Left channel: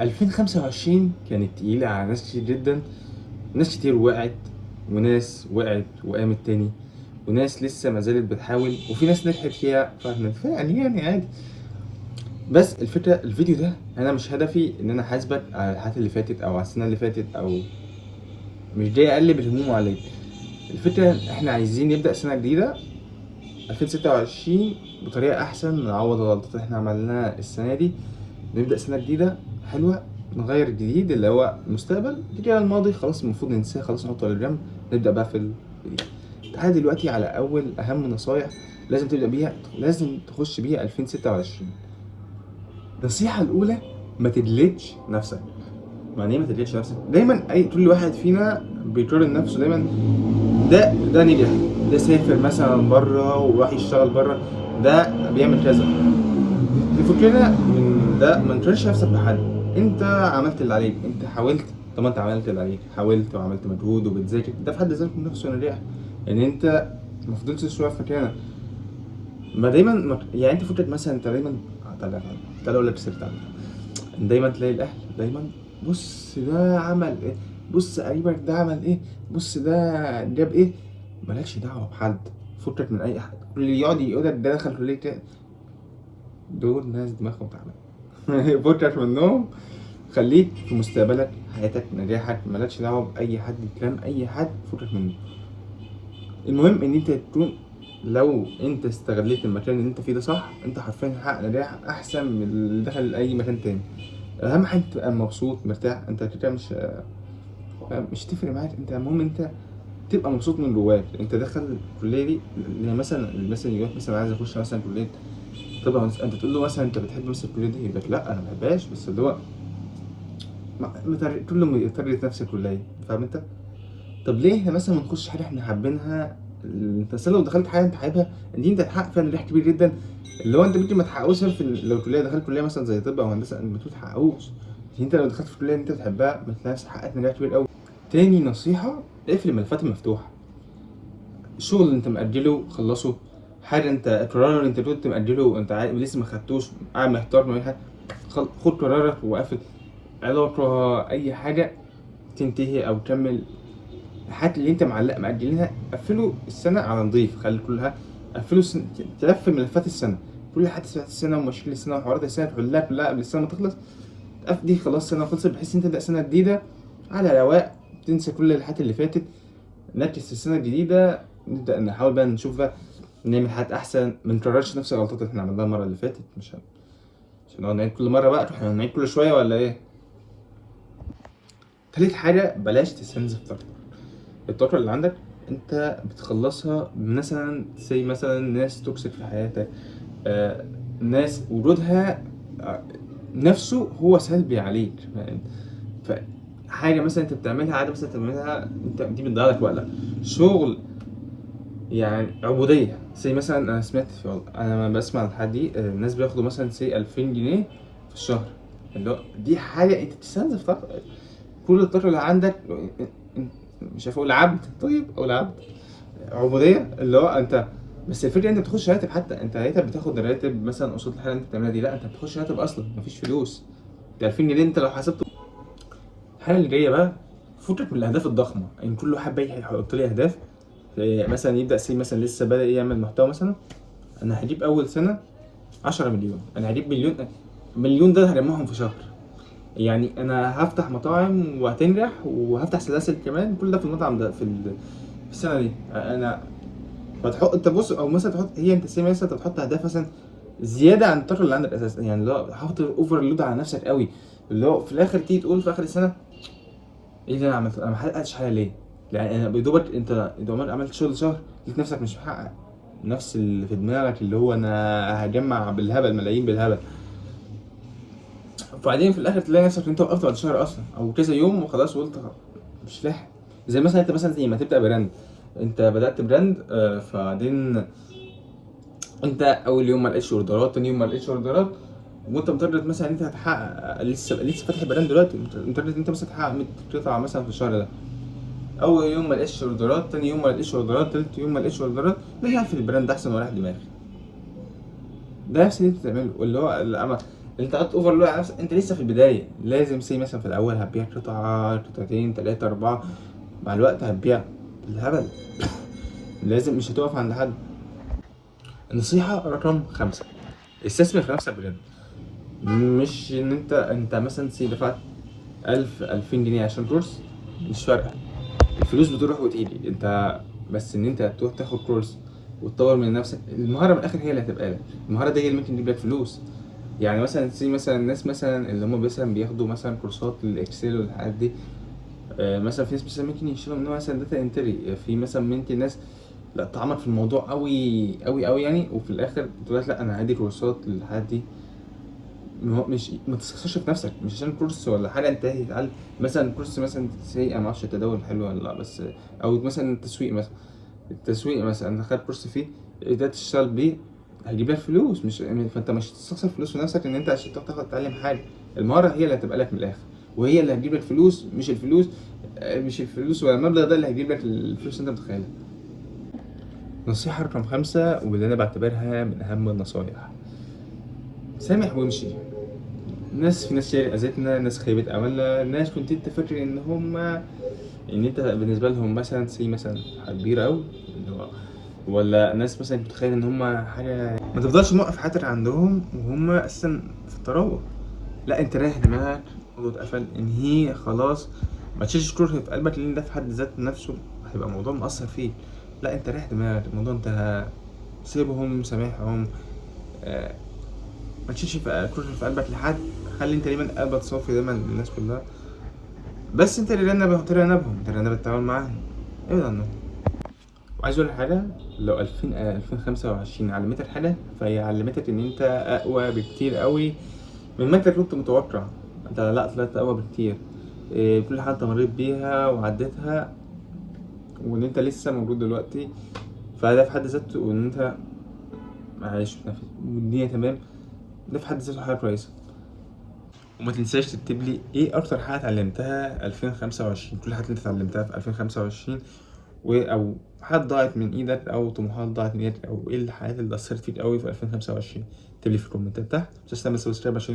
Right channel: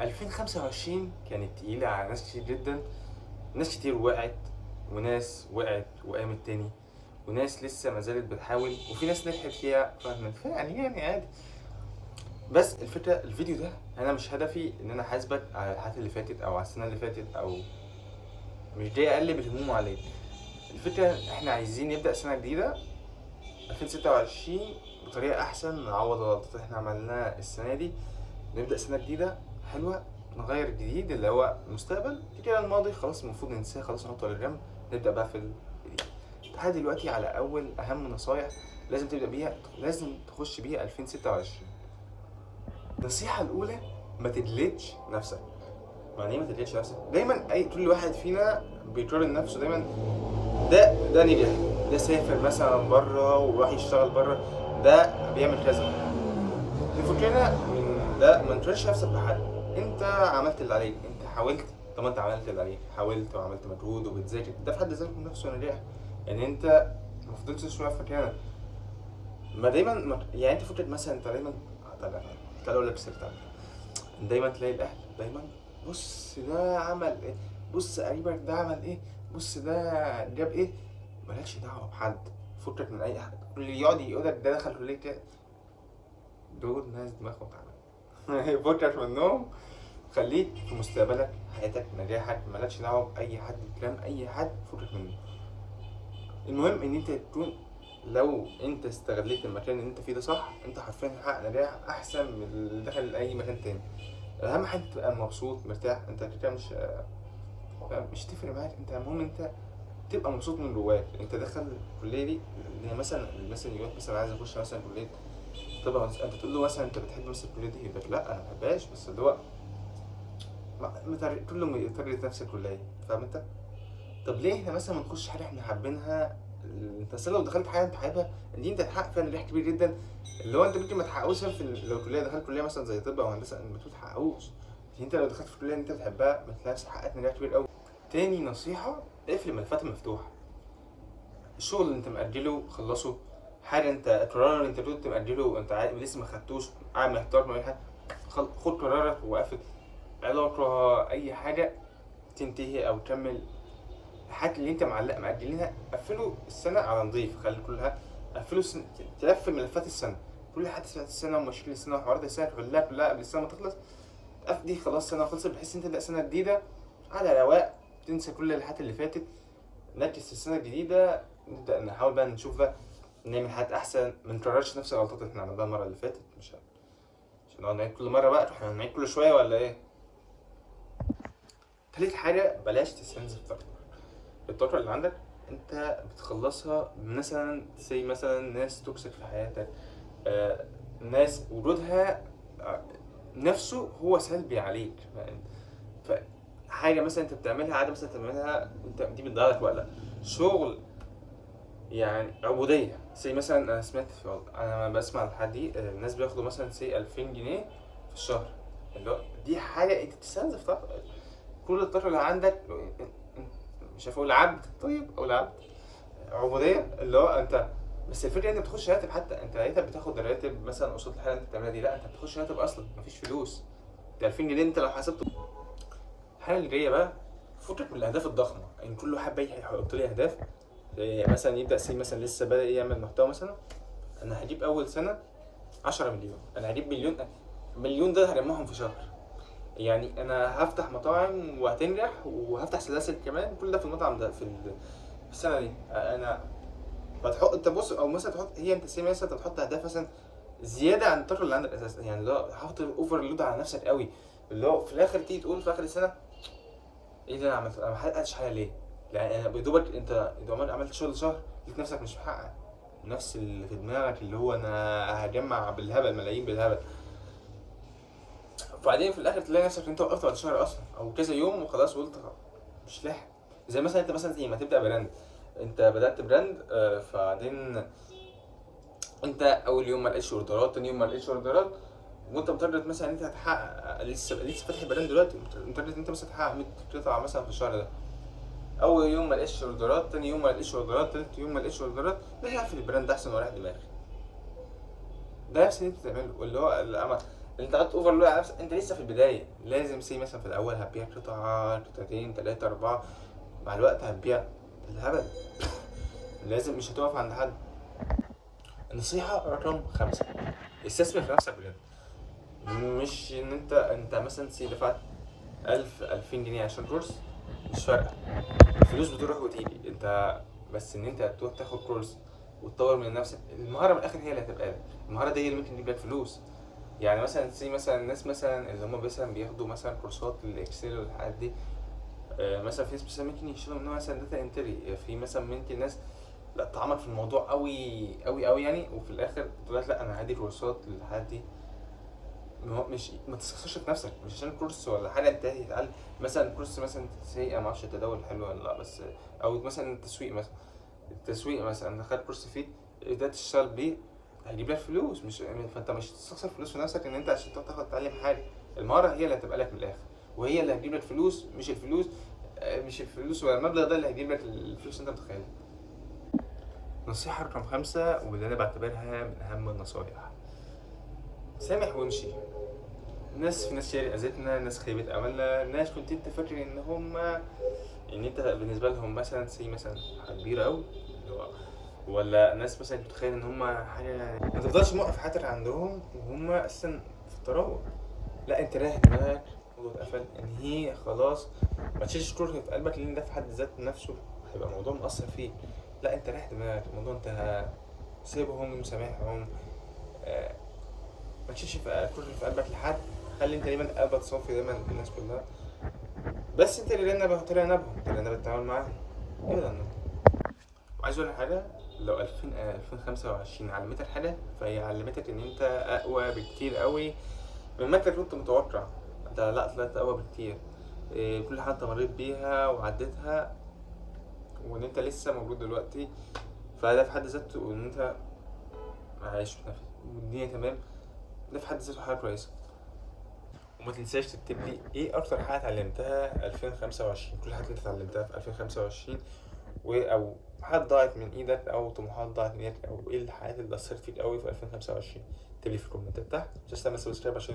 2025 كانت تقيلة على ناس كتير جدا. ناس كتير وقعت، وناس وقعت وقامت تاني، وناس لسه ما زالت بتحاول، وفي ناس نجحت فيها يعني عادي. بس الفكرة الفيديو ده انا مش هدفي ان انا احاسبك على الحاجات اللي فاتت او على السنة اللي فاتت، او مش جاي اقلب الهموم عليك. الفكرة احنا عايزين نبدأ سنة جديدة 2026 بطريقة احسن، نعوض الغلطات اللي احنا عملناها السنة دي، نبدأ سنة جديدة حلوة، نغير الجديد اللي هو المستقبل. كده الماضي خلاص المفروض ننساه، خلاص نحطه على جنب، نبدأ بقى في الجديد. تعال دلوقتي على أول أهم نصايح لازم تبدأ بيها، لازم تخش بيها 2026. النصيحة الأولى: ما تجلدش نفسك. يعني ايه ما تجلدش نفسك؟ دايما كل واحد فينا بيقارن نفسه دايما. ده نجح، ده سافر مثلا بره وراح يشتغل بره، ده بيعمل كذا. الفكرة من ده ما تقارنش نفسك بحد. انت عملت اللي عليك، انت حاولت. طب ما انت عملت اللي عليك، حاولت وعملت مجهود وبتذاكر، ده في حد ذاته نفسه نجاح. يعني انت ما فضلتش شويه في مكانك. ما دايما يعني انت فكرة مثلا انت دايما تعالى اقول لك سر. دايما تلاقي الاهل دايما: بص ده عمل ايه، بص قريبك ده عمل ايه، بص ده جاب ايه. مالكش دعوه بحد، فكك من اي حد. اللي يقعد يقول لك ده دخل كليه كده، دول ناس دماغهم تعبانه. فكك منهم، خليك في مستقبلك، حياتك، نجاحك، مالكش دعوه باي حد، كلام اي حد فكك منه. المهم ان انت تكون، لو انت استغليت المكان اللي انت فيه ده صح، انت حرفيا هتحقق نجاح احسن من اللي دخل اي مكان تاني. اهم حاجه تبقى مبسوط مرتاح. انت كده مش تفرق معاك. انت المهم انت تبقى مبسوط من جواك. انت دخل الكليه دي اللي مثلا يقول مثلا عايز اخش مثلا كليه طب، انت تقول له مثلا انت بتحب مثلا الكليه دي، يقول لك لا انا ما بحبهاش، بس اللي هو كل ما يترجت نفس الكليه، فاهم انت؟ طب ليه احنا مثلا ما نخش حاجه احنا حابينها؟ انت أصل لو دخلت حاجه انت حاببها دي انت هتحقق فيها نجاح كبير جدا، اللي هو انت ممكن ما تحققوش لو الكليه دخلت كليه مثلا زي طب او هندسه انت ما تحققوش. انت لو دخلت في كليه انت بتحبها ما تلاقيش حققت نجاح كبير قوي. تاني نصيحه: اقفل الملفات المفتوحه. الشغل اللي انت مأجله خلصه. حاجه انت قرار انت كنت مأجله وانت لسه ما خدتوش، قاعد محتار ما بين حاجه، خد قرارك وقفل. علاقه اي حاجه تنتهي او تكمل، الحاجات اللي انت معلق مأجلينها قفلوا السنه على نضيف، خلي كلها قفلوا تلف ملفات السنه، كل حاجه السنه ومشاكل السنه وحوارات السنه كلها قبل السنه ما تخلص. دي خلاص سنه خلصت، بحيث انت تبدا سنه جديده على رواق، تنسى كل الحاجات اللي فاتت، نركز في السنه الجديده، نبدا نحاول بقى نشوف بقى نعمل حاجات احسن، ما نكررش نفس الغلطات اللي احنا عملناها المره اللي فاتت. مش هنقعد نعيد كل مره بقى، احنا هنعيد كل شويه ولا ايه؟ تالت حاجه: بلاش تستنزف طاقتك. الطاقه اللي عندك انت بتخلصها مثلا مثلا ناس توكسيك في حياتك، ناس وجودها نفسه هو سلبي عليك. فحاجه مثلا انت بتعملها، عاده مثلا تعملها انت، دي بتضيع لك وقتك. شغل يعني عبوديه، مثلا انا سمعت انا لما بسمع الحاجات دي، الناس بياخدوا مثلا 2000 جنيه في الشهر، اللي هو دي حاجه انت بتستنزف طاقتك. كل الطاقه اللي عندك مش عارف اقول عبد، طيب او العبد عبوديه، اللي هو انت. بس الفكره انت بتخش راتب، حتى انت راتب بتاخد راتب مثلا قصاد الحاجه اللي انت بتعملها دي، لا انت بتخش راتب اصلا مفيش فلوس. ده 2000 جنيه انت لو حسبته. الحاجه اللي جايه بقى: فكك من الاهداف الضخمه. يعني كل واحد بقى يحط لي اهداف، مثلا يبدا مثلا لسه بادئ يعمل محتوى مثلا، انا هجيب اول سنه 10 مليون، انا هجيب مليون. مليون ده هرمهم في شهر. يعني انا هفتح مطاعم وهتنجح وهفتح سلاسل كمان، كل ده في المطعم ده في السنه دي. انا فتحط انت بص، او مثلا تحط هي انت مثلا انت بتحط اهداف مثلا زياده عن الطاقه اللي عندك اساسا، يعني اللي هو حاطط اوفر لود على نفسك قوي، اللي هو في الاخر تيجي تقول في اخر السنه: ايه اللي انا عملته؟ انا ما حققتش حاجه ليه؟ يعني انا بدوبك انت عملت شغل شهر لقيت نفسك مش محقق نفس اللي في دماغك، اللي هو انا هجمع بالهبل، ملايين بالهبل. وبعدين في الاخر تلاقي نفسك انت وقفت بعد شهر اصلا او كذا يوم وخلاص، وقلت مش لاحق. زي مثلا انت مثلا زي ما تبدا براند، انت بدات براند، فبعدين انت اول يوم ما لقيتش اوردرات، تاني يوم ما لقيتش اوردرات، وانت متارجت مثلا انت هتحقق، لسه فاتح براند دلوقتي، متارجت انت مثلا تحقق 100 قطعه مثلا في الشهر ده. اول يوم ما لقيتش اوردرات، تاني يوم ما لقيتش اوردرات، تالت يوم ما لقيتش اوردرات، لا يعرف البراند احسن وراح دماغي. ده نفس اللي انت بتعمله، اللي هو انت قعدت اوفرلود على نفسك، انت لسه في البدايه. لازم سي مثلا في الاول هتبيع قطعه قطعتين تلاته اربعه، مع الوقت هتبيع الهبل. لازم مش هتقف عند حد. النصيحه رقم 5، استثمر في نفسك بجد. مش ان انت مثلا سي دفعت 2000 جنيه عشان كورس، مش فارقه، الفلوس بتروح وتيجي انت، بس ان انت تروح تاخد كورس وتطور من نفسك. المهاره من الاخر هي اللي هتبقى لك، المهاره دي هي اللي ممكن تجيب لك فلوس. يعني مثلا سي مثلا الناس مثلا اللي هم مثلا بياخدوا مثلا كورسات للاكسل والحاجات دي، مثلا في ناس مثلا ممكن يشتغلوا منها مثلا داتا انتري، في مثلا ممكن ناس لا تعمق في الموضوع قوي قوي قوي يعني، وفي الاخر تقول لك لا انا هدي كورسات للحاجات دي. مش ما تستخسرش في نفسك، مش عشان كورس ولا حاجه انت هتتعلم. مثلا كورس مثلا سي انا ما اعرفش التداول حلو ولا لا، بس او مثلا التسويق مثلا، التسويق مثلا انت خدت كورس فيه ده تشتغل بيه، هيجيب لك فلوس. مش فانت مش تستخسر فلوس في نفسك ان انت عشان تاخد تتعلم حاجه. المهاره هي اللي هتبقى لك من الاخر، وهي اللي هتجيب لك فلوس، مش الفلوس ولا المبلغ ده اللي هيجيب لك الفلوس اللي انت متخيلها. نصيحة رقم 5 واللي أنا بعتبرها من أهم النصايح، سامح وامشي. في ناس كتير أذتنا، ناس خيبت أملنا، ناس كنت أنت فاكر إن أنت بالنسبة لهم مثلا سي مثلا حاجة كبيرة أوي، اللي هو ولا ناس مثلا متخيل إن هما حاجة، ما تفضلش موقف حياتك عندهم وهم أساسا في التراوح. لا أنت رايح دماغك، الموضوع اتقفل انهيه خلاص. ما تشيلش كره في قلبك لأن ده في حد ذات نفسه هيبقى موضوع مؤثر فيك. لا أنت رايح دماغك، الموضوع انتهى، سيبهم سامحهم. آه، ما تشيلش كره في قلبك لحد، خلي انت دايما قلبك صافي دايما للناس كلها، بس انت تتجنب التعامل معاهم، ابعد عنهم. وعايز اقول لك حاجه، لو 2025 علمتك حاجه فهي علمتك ان انت اقوى بكتير قوي مما انت كنت متوقع. انت لا طلعت اقوى بكتير. كل حاجه انت مريت بيها وعديتها، وان انت لسه موجود دلوقتي، فده في حد ذاته، وان انت عايش والدنيا تمام، ده في حد ذاته حاجه كويسه. وما تنساش تكتب لي ايه اكتر حاجه اتعلمتها 2025، كل حاجه اللي انت اتعلمتها في 2025، او حاجات ضاعت من ايدك او طموحات ضاعت من ايدك، او ايه الحاجات اللي اثرت فيك قوي في 2025. اكتب لي في الكومنتات تحت. مش تنسى تعمل سبسكرايب عشان